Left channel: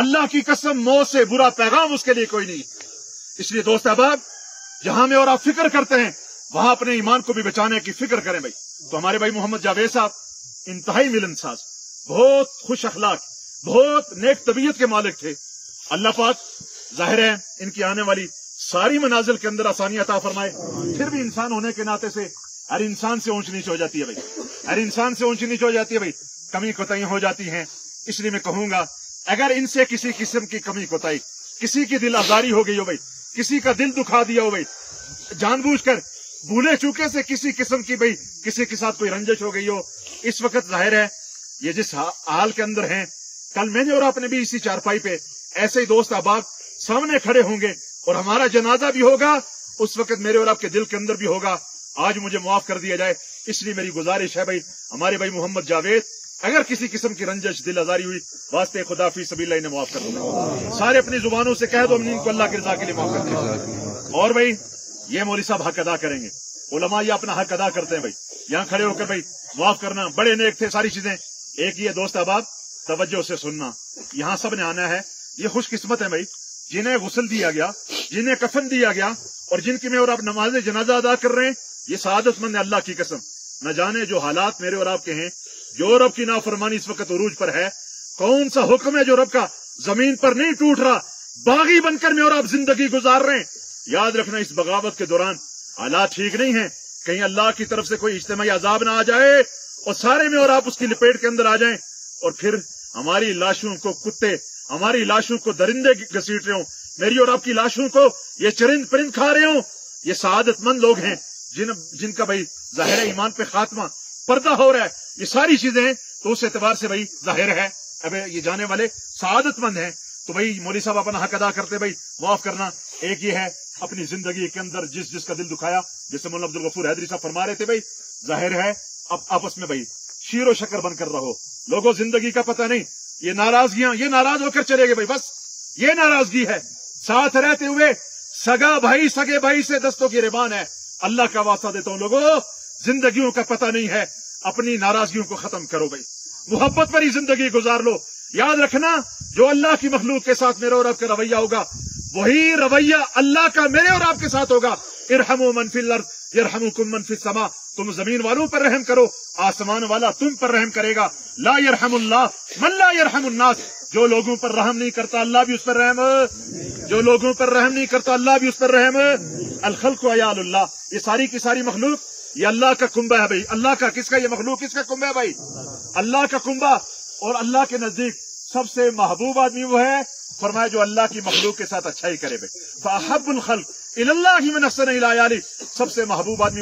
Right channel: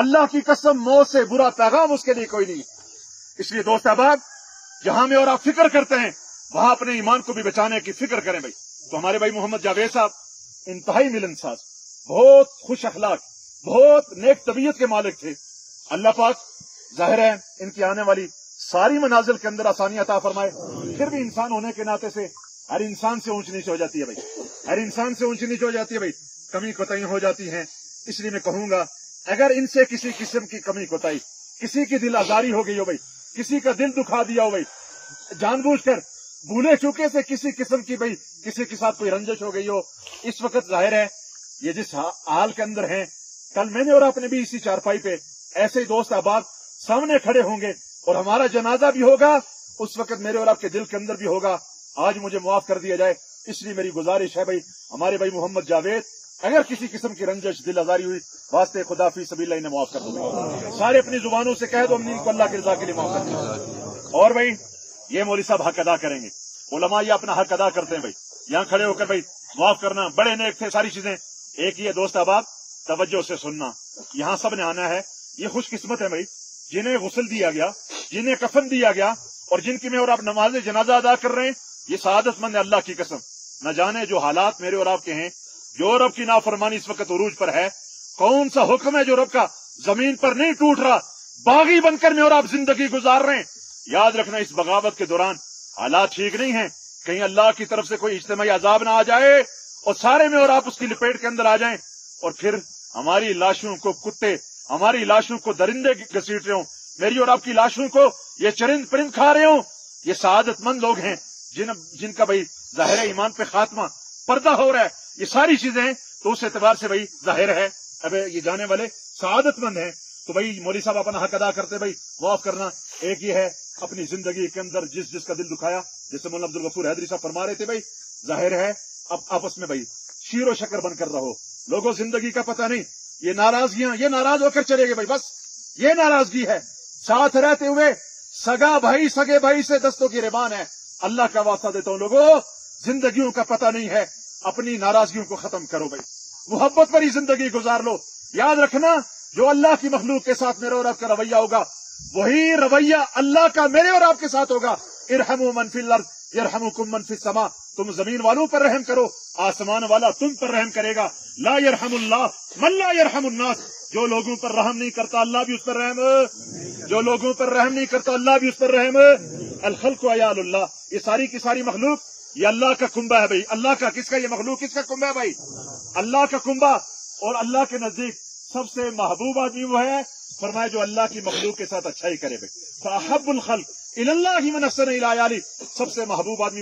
अल्लाह की कसम मौत से बुरा पैगाम उसके लिए कोई नहीं। इसलिए दोस्त अहबाब, जहां में और आप फिक्र करते हैं वहां अपने ईमान को भी बचाने की फिक्र करें भाई। तो हमारे भाई मोहम्मद जावेद साहब इंतहाई मिलनसाज, बहुत खुश अखलाक, बहुत नेक तबीयत के मालिक थे। अल्लाह पाक जाहिर है इनकी आने वाली सारी मनाजिल के अंदर आसानी अता फरमाए। फिर भी इंसान होने के नाते से हर इंसान से ऊंच नीच हो जाती है भाई, हर इंसान से ऊंच नीच हो जाती है भाई, कमी कोताही हो जाती हैं। इसलिए मैं कहूंगा अगर इनसे किसी किस्म की कमी कोताही, किसी की दिल आजारी हो गई हो भाई, किसी का दिल दुखा दिया हो भाई, जानबूझकर भूले चूके से किसी किस्म की भाई किसी के साथ कोई रंजिश हो गई हो, इस वक्त जाहिर है ये जिस हाल के अंदर हैं, कल मैंने और आपने भी इसी चारपाई पे ऐसे ही दोस्त अहबाब सामने खड़े होंगे और हमारा जनाजा भी होगा, उस वक्त मेरे और आपके दिल के अंदर भी होगा। आज मुझे माफ कर दिया जाए, इसलिए मेरी गुजारिश है भाई हमारे भाई मोहम्मद जावेद, अगर किसी किस्म की रंजिश दिल आजारी हुई वास्ते खुदा फी सबील इन्हें माफ कर दूंगा। सारे अपनी जुबानों से कह दो हम इनको अल्लाह की रजा के लिए माफ कर दीजिए। और भाई ये मौलवी साहब हक अदा करेंगे, उलमा ये अपना हक अदा करते हैं भाई, यहाँ खड़े होकर भाई माफ करना, बड़े नेक थे, सारी चीजें एक ही है। दोस्त अहबाब तवज्जो से सुनना, यहाँ सब ने आना है। ये खुशकिस्मत है भाई जिन्हें गुस्ल दिया गया, जिन्हें कफन दिया गया और जिनकी में और आप नमाज जनाजा अदा कर रहे हैं, ये सआदतमंद है। अल्लाह की कसम न जाने जो हालात मेरे और आपके हैं, जो रब की नाफरमानी इस वक्त उरूज पर है, कौन सा हुक्म है जो रब का जमीन पर नहीं टूट रहा, बागी बनकर में और आप जिंदगी गुजार रहे हैं। याद रखना इस बगावत के दौरान हालात ठीक नहीं है, कहीं अल्लाह की तरफ से कोई इज्तिमाई अजाब ना आ जाए और सारे में और आप उसकी लपेट के अंदर आ जाएं और फिर हमारी लाशों को कुत्ते, हमारी लाशों को दरिंदे घसीट रहे हो, मेरी और आपकी लाशों को ये चरिंद परिंद खा रहे हो। ये सआदतमंद लोग हैं जिनका भाई जाहिर ईमान पे खात्मा पर्दा हो रहा है। ये सारी चीजें तो उस एतबार से भाई जाहिर है अब ये जाने वाले सआदतमंद हैं। तो भाई मौलवी साहब अपना हक अदा करते भाई माफ करना। एक ये है अपनी जिंदगी के अंदर जिसका दिल दुखाया, जैसे मौलाना अब्दुल गफूर हैदरी साहब फरमा रहे थे भाई, जाहिर है अब आपस में भाई शीरो शक्कर बनकर रहो। लोगों जिंदगी का पता नहीं, ये नाराजगियां, ये नाराज होकर चले गए भाई, बस ये नाराजगी है। साथ रहते हुए सगा भाई सगे भाई से दस्तों की रिबान है। अल्लाह का वास्ता देता हूं लोगों, जिंदगियों का पता नहीं है, अपनी नाराजगियों को खत्म करो भाई, मोहब्बत भरी जिंदगी गुजार लो। याद रखना जो अल्लाह की मखलूक के साथ मेरे और आपका रवैया होगा, वही रवैया अल्लाह का मेरे और आपके साथ होगा। इरहमु मन फिल अर्द यरहमुकुम मन फिस समा, तुम जमीन वालों पर रहम करो, आसमान वाला तुम पर रहम करेगा। ला यरहमुल्लाह मन ला यरहमुन्नास, जो लोगों पर रहम नहीं करता अल्लाह भी उस पर रहम, जो लोगों पर रहम नहीं करता अल्लाह भी उस पर रहम। अल खल्क़ु अयालुल्लाह, ये सारी की सारी मखलूक ये अल्लाह का कुंबा है भाई, अल्लाह का। किसका ये मखलूक किसका कुंबा है भाई? अल्लाह का कुंबा। और अल्लाह के नजदीक सबसे महबूब आदमी वो है, फरमाया जो अल्लाह की मखलूक के साथ अच्छा ही करे भाई। फ़अहब्बुल खल्क़ इलल्लाहि मन अहसना इला याली, सबसे महबूब आदमी